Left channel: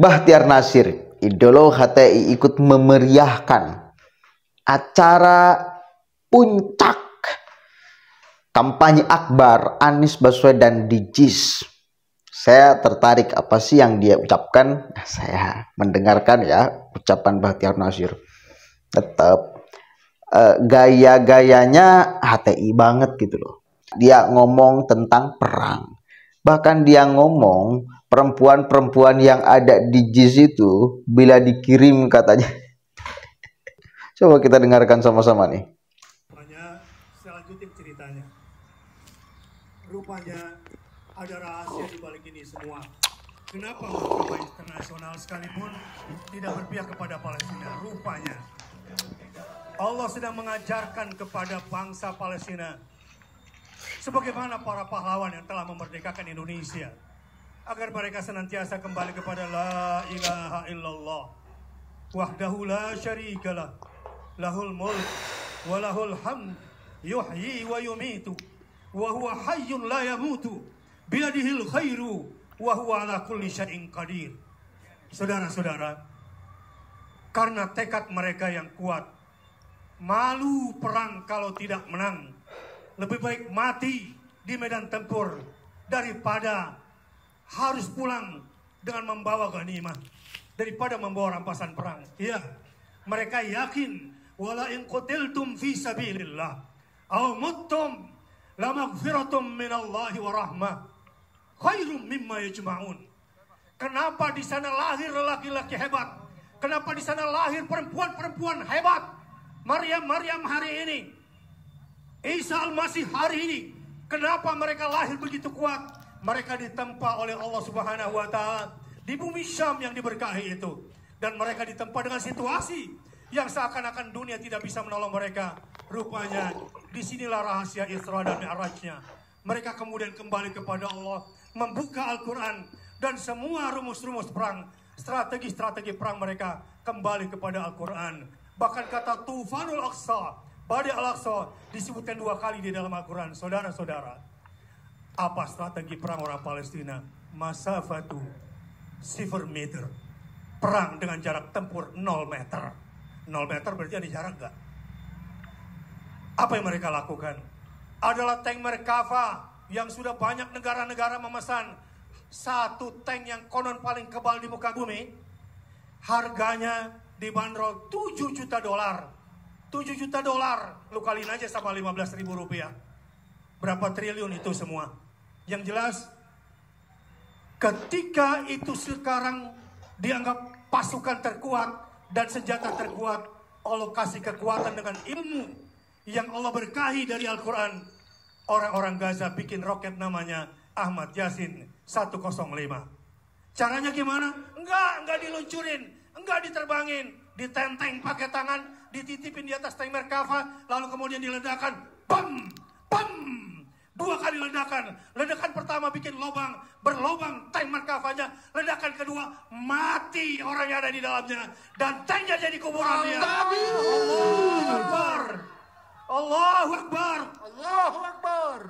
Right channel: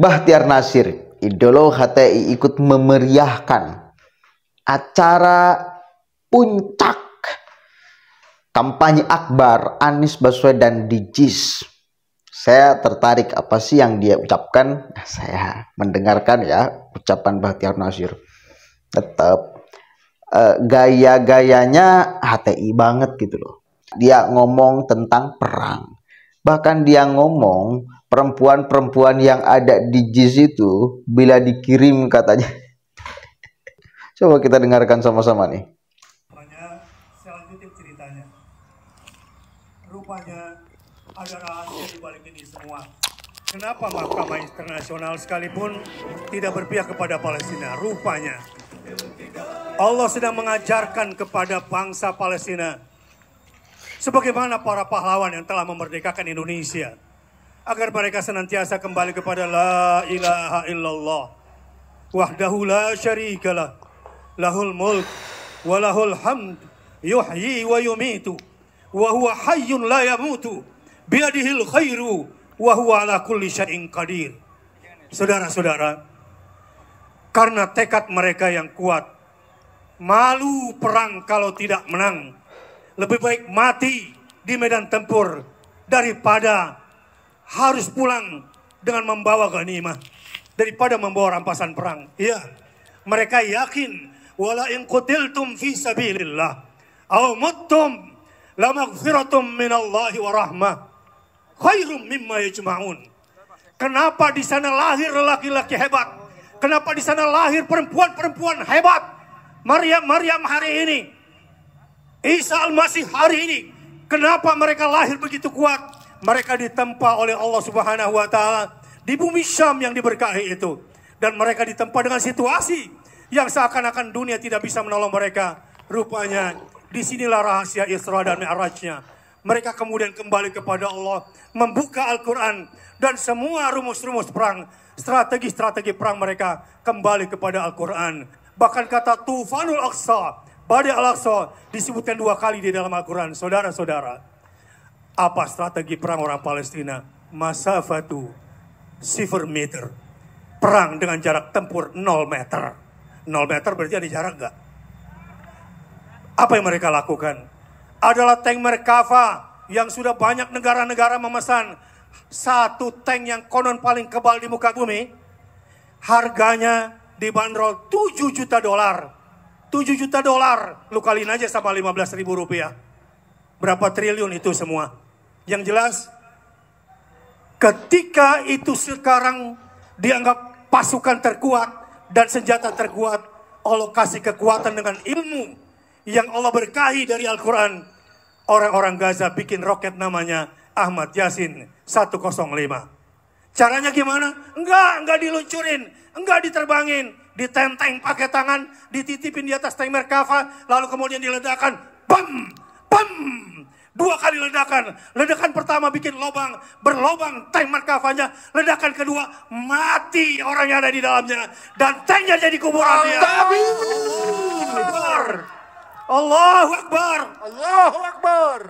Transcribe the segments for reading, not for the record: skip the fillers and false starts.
Bahtiar Nasir, idolo HTI, ikut memeriahkan acara puncak kampanye akbar Anies Baswedan di JIS. Saya tertarik apa sih yang dia ucapkan. Saya mendengarkan ya ucapan Bahtiar Nasir. Tetap gaya-gayanya HTI banget gitu loh. Dia ngomong tentang perang. Bahkan dia ngomong perempuan-perempuan yang ada di JIS itu bila dikirim katanya. Coba kita dengarkan sama-sama nih. Saya lanjutin ceritanya. Rupanya ada rahasia di balik ini semua. Kenapa Mahkamah Internasional sekalipun tidak berpihak kepada Palestina? Rupanya Allah sedang mengajarkan kepada bangsa Palestina sebagaimana para pahlawan yang telah memerdekakan Indonesia, agar mereka senantiasa kembali kepada la ilaha illallah wahdahu la syarikalah lahul mulk wa lahul hamd yuhyi wa yumitu wa huwa hayyun la yamutu biadihil khairu wa huwa ala kulli syai'in qadir. Saudara-saudara, karena tekad mereka yang kuat, malu perang kalau tidak menang, lebih baik mati di medan tempur daripada harus pulang dengan membawa ghanimah, daripada membawa rampasan perang. Iya, mereka yakin wala in qutiltum fi sabilillah aw muttum la maghfiratum minallahi wa rahmah khairum mimma yajma'un. Kenapa di sana lahir laki-laki hebat? Kenapa di sana lahir perempuan-perempuan hebat? Maryam hari ini, Isa Al-Masih hari ini, kenapa mereka lahir begitu kuat? Mereka ditempa oleh Allah Subhanahu wa Ta'ala di bumi Syam yang diberkahi itu, dan mereka ditempa dengan situasi yang seakan-akan dunia tidak bisa menolong mereka. Rupanya disinilah rahasia Isra dan Mi'rajnya. Mereka kemudian kembali kepada Allah, membuka Al-Quran, dan semua rumus-rumus perang, strategi-strategi perang mereka kembali kepada Al-Quran. Bahkan kata Tufanul Aqsa, Badai Al-Aqsa, disebutkan 2 kali di dalam Al-Quran. Saudara-saudara, apa strategi perang orang Palestina? Masafatu 0 meter. Perang dengan jarak tempur 0 meter. 0 meter berarti ada jarak enggak? Apa yang mereka lakukan? Adalah tank Merkava yang sudah banyak negara-negara memesan. Satu tank yang konon paling kebal di muka bumi, harganya dibanderol $7 juta. $7 juta, lu kaliin aja sama 15.000 rupiah. Berapa triliun itu semua. Yang jelas, ketika itu sekarang dianggap pasukan terkuat dan senjata terkuat, Allah kasih kekuatan dengan ilmu yang Allah berkahi dari Al-Quran. Orang-orang Gaza bikin roket namanya Ahmad Yasin 105. Caranya gimana? Enggak diluncurin, enggak diterbangin, ditenteng pakai tangan, dititipin di atas tank Merkava, lalu kemudian diledakkan, bam, bam, 2 kali ledakan. Ledakan pertama bikin lubang, berlubang tank Merkavanya. Ledakan kedua, mati orang yang ada di dalamnya, dan tanknya jadi kuburan dia. Allahu Akbar, Allahu Akbar, Allahu Akbar.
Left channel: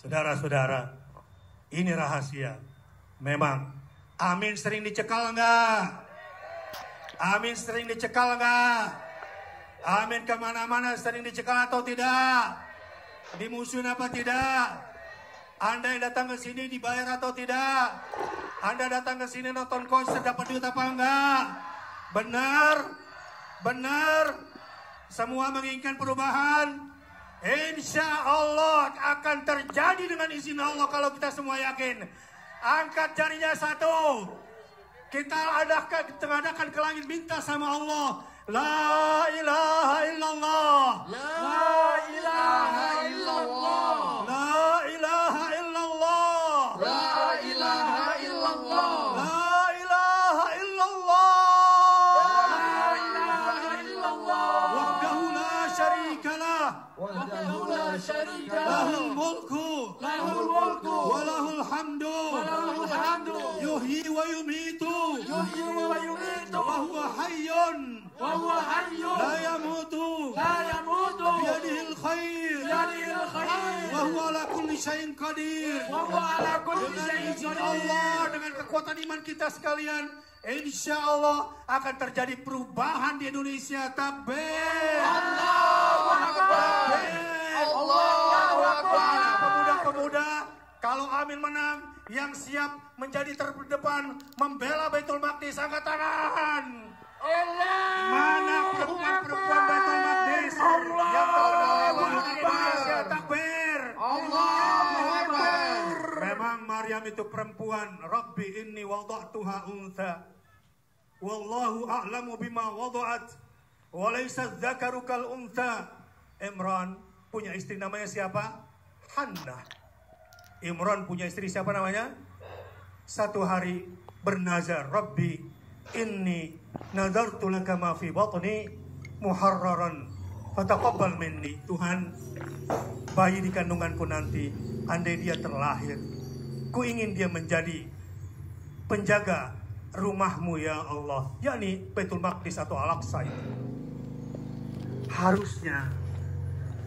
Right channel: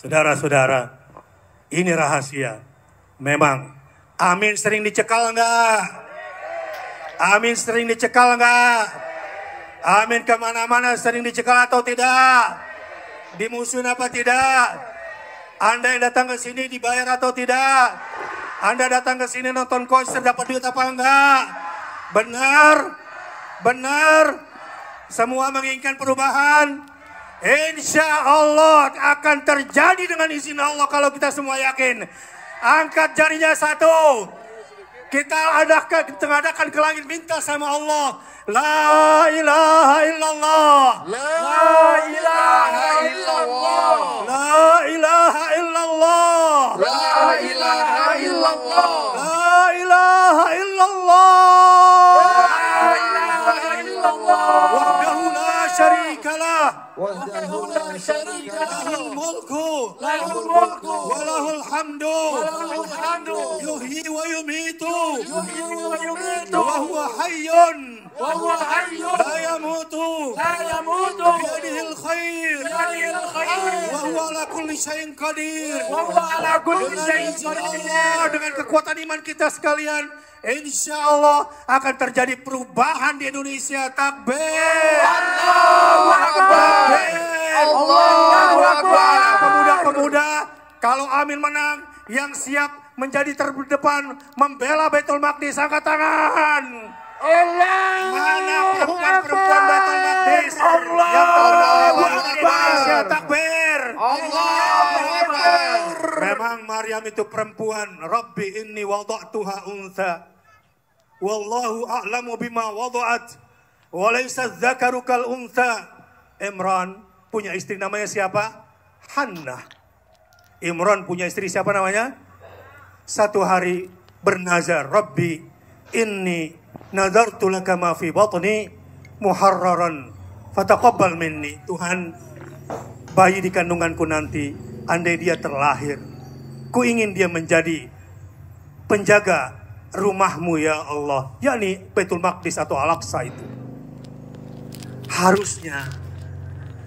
Saudara-saudara, ini rahasia. Memang, Amin sering dicekal enggak? Amin sering dicekal enggak? Amin kemana-mana sering dicekal atau tidak? Dimusuhin apa tidak? Anda yang datang ke sini dibayar atau tidak? Anda datang ke sini nonton konser dapat duit apa enggak? Benar? Benar? Semua menginginkan perubahan? Insya Allah akan terjadi dengan izin Allah kalau kita semua yakin. Angkat jarinya satu. Kita adakan ke langit, minta sama Allah. La ilaha illallah. La ilaha illallah. La ilaha illallah. La ilaha illallah. La ilaha illallah. La ilaha illallah. Wahdahu la syarikalah. Wahdahu la syarikalah. Lahul mulku. Lahul mulku. Walahul hamdu. Walahul hamdu. Yuhyi wa yumitu. Yuhyi wa yumitu. wa huwa hayyun la yamutu biyadihil khair wa huwa ala kulli syai'in qadir. Dengan izin Allah, dengan kekuatan iman kita sekalian, insya Allah akan terjadi perubahan di Indonesia. Takbir. Allahu Akbar. Allahu Akbar. Pemuda-pemuda, kalau Amin menang, yang siap menjadi terdepan membela Baitul Maqdis, angkat tangan. Mana perempuan Baitul Maqdis yang membela Indonesia? Takbir. Allahu Akbar. Memang Maryam itu perempuan. Rabbi inni wada'tuha untha wallahu a'lamu bima wada'at wa laysa dzakaru kal untha. Imran punya istri namanya siapa? Hannah. Imran punya istri siapa namanya? Satu hari bernazar, Rabbi inni nadartu laka ma fi batni muharraran fataqabbal minni. Tuhan, bayi di kandunganku nanti, andai dia terlahir, ku ingin dia menjadi penjaga rumahmu ya Allah, yakni Baitul Maqdis atau Al-Aqsa itu. Harusnya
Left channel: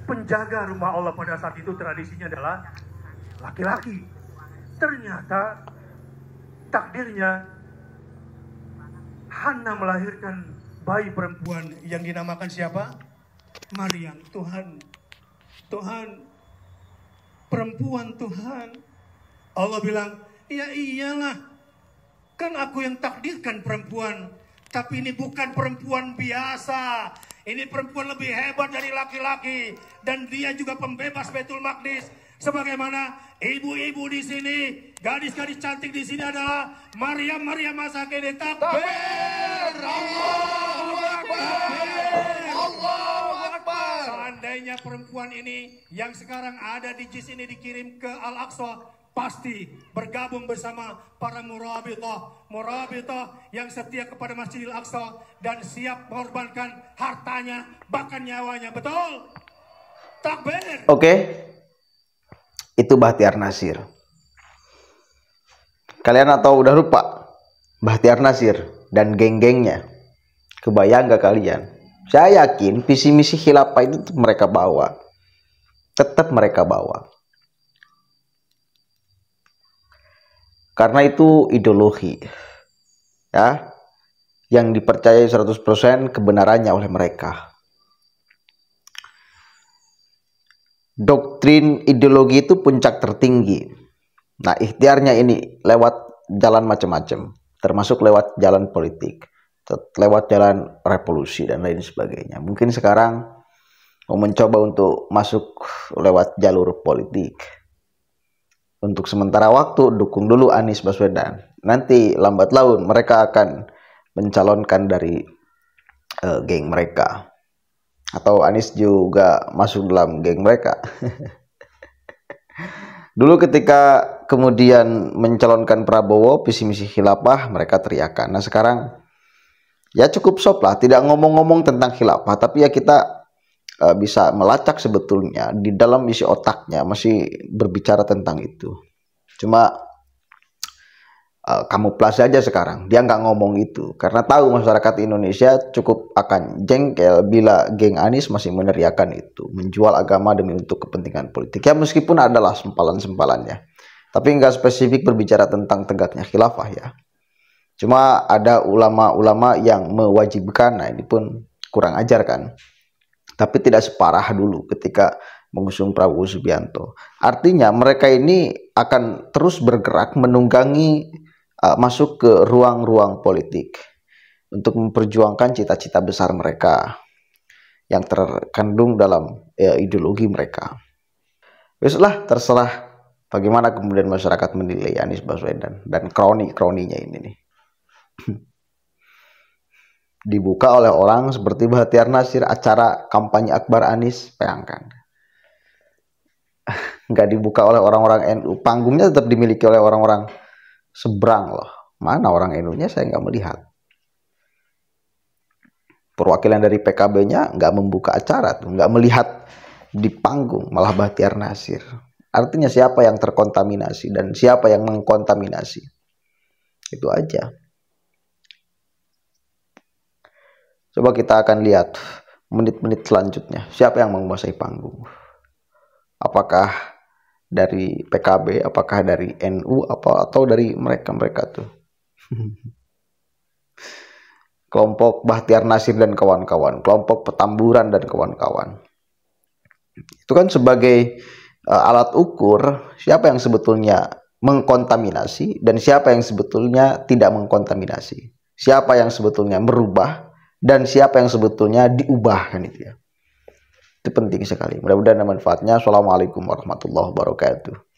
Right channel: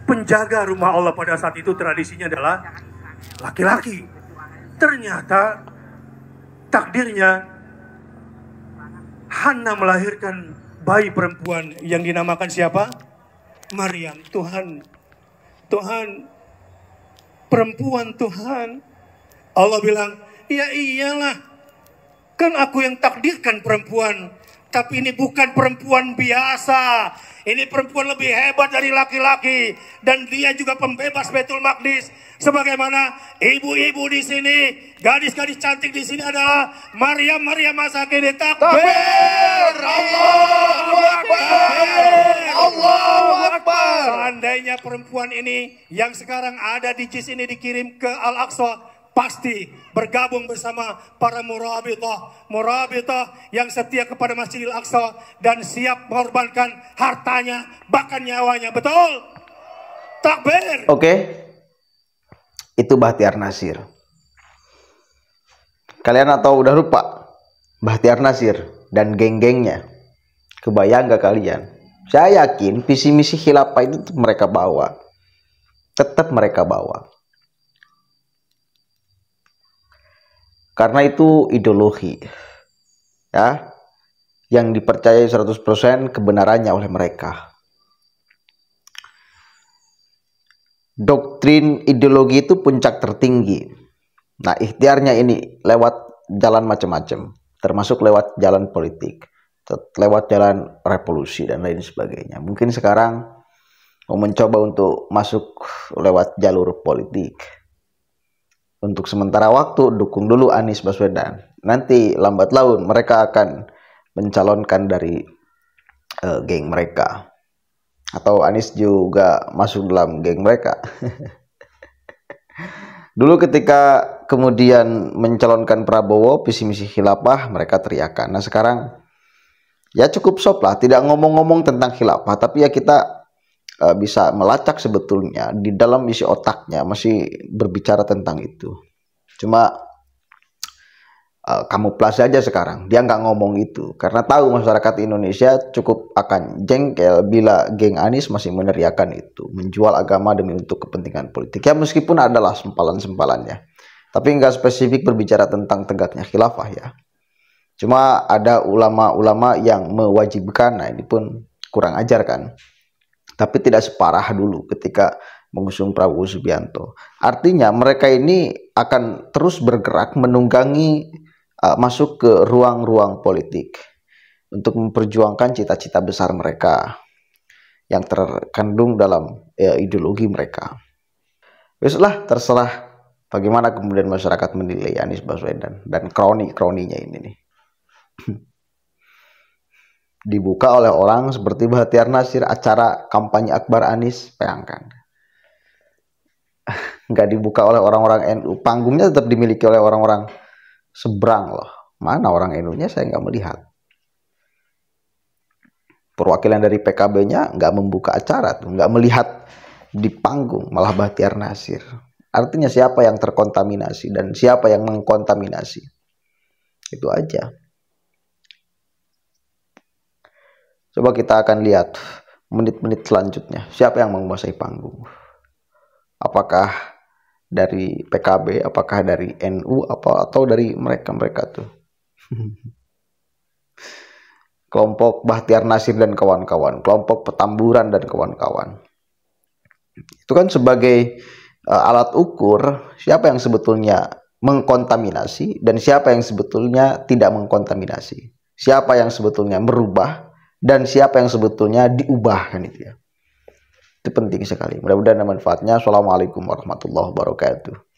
penjaga rumah Allah pada saat itu tradisinya adalah laki-laki. Ternyata takdirnya Hannah melahirkan bayi perempuan yang dinamakan siapa? Maryam. Tuhan, perempuan Tuhan. Allah bilang, ya iyalah, kan aku yang takdirkan perempuan. Tapi ini bukan perempuan biasa. Ini perempuan lebih hebat dari laki-laki. Dan dia juga pembebas Baitul Maqdis. Sebagaimana ibu-ibu di sini, gadis-gadis cantik di sini adalah Maryam masa kini. Takbir! Allahu Akbar! Allahu Akbar! Seandainya perempuan ini yang sekarang ada di JIS ini dikirim ke Al-Aqsa, pasti bergabung bersama para murabitah yang setia kepada Masjidil Aqsa dan siap mengorbankan hartanya, bahkan nyawanya. Betul? Takbir! Oke. Itu Bahtiar Nasir. Kalian atau udah lupa Bahtiar Nasir dan geng-gengnya? Kebayang gak kalian? Saya yakin visi misi khilafah itu mereka bawa. Tetap mereka bawa. Karena itu ideologi, ya, yang dipercayai 100% kebenarannya oleh mereka. Doktrin ideologi itu puncak tertinggi. Nah, ikhtiarnya ini lewat jalan macam-macam, termasuk lewat jalan politik, lewat jalan revolusi dan lain sebagainya. Mungkin sekarang mau mencoba untuk masuk lewat jalur politik. Untuk sementara waktu dukung dulu Anies Baswedan. Nanti lambat laun mereka akan mencalonkan dari geng mereka. Atau Anies juga masuk dalam geng mereka. Dulu ketika kemudian mencalonkan Prabowo visi misi khilafah, mereka teriakan. Nah sekarang ya cukup sop lah, tidak ngomong-ngomong tentang khilafah, tapi ya kita bisa melacak sebetulnya di dalam isi otaknya masih berbicara tentang itu. Cuma kamuflase aja sekarang, dia nggak ngomong itu karena tahu masyarakat Indonesia cukup akan jengkel bila geng Anies masih meneriakan itu, menjual agama demi untuk kepentingan politik. Ya meskipun adalah sempalan-sempalannya, tapi nggak spesifik berbicara tentang tegaknya khilafah ya. Cuma ada ulama-ulama yang mewajibkan, nah ini pun kurang ajar kan. Tapi tidak separah dulu ketika mengusung Prabowo Subianto. Artinya mereka ini akan terus bergerak menunggangi masuk ke ruang-ruang politik untuk memperjuangkan cita-cita besar mereka yang terkandung dalam ideologi mereka. Besoklah terserah bagaimana kemudian masyarakat menilai Anies Baswedan dan kroni-kroninya ini nih. Dibuka oleh orang seperti Bahtiar Nasir, acara kampanye akbar Anies, bayangkan. Nggak dibuka oleh orang-orang NU, panggungnya tetap dimiliki oleh orang-orang seberang loh. Mana orang NU-nya saya nggak melihat. Perwakilan dari PKB-nya nggak membuka acara tuh, nggak melihat di panggung, malah Bahtiar Nasir. Artinya siapa yang terkontaminasi dan siapa yang mengkontaminasi. Itu aja. Coba kita akan lihat menit-menit selanjutnya siapa yang menguasai panggung. Apakah dari PKB, apakah dari NU, atau dari mereka tuh. Kelompok Bahtiar Nasir dan kawan-kawan, kelompok Petamburan dan kawan-kawan. Itu kan sebagai alat ukur siapa yang sebetulnya mengkontaminasi dan siapa yang sebetulnya tidak mengkontaminasi. Siapa yang sebetulnya merubah dan siapa yang sebetulnya diubah, kan itu ya. Itu penting sekali. Mudah-mudahan ada manfaatnya. Assalamualaikum warahmatullahi wabarakatuh.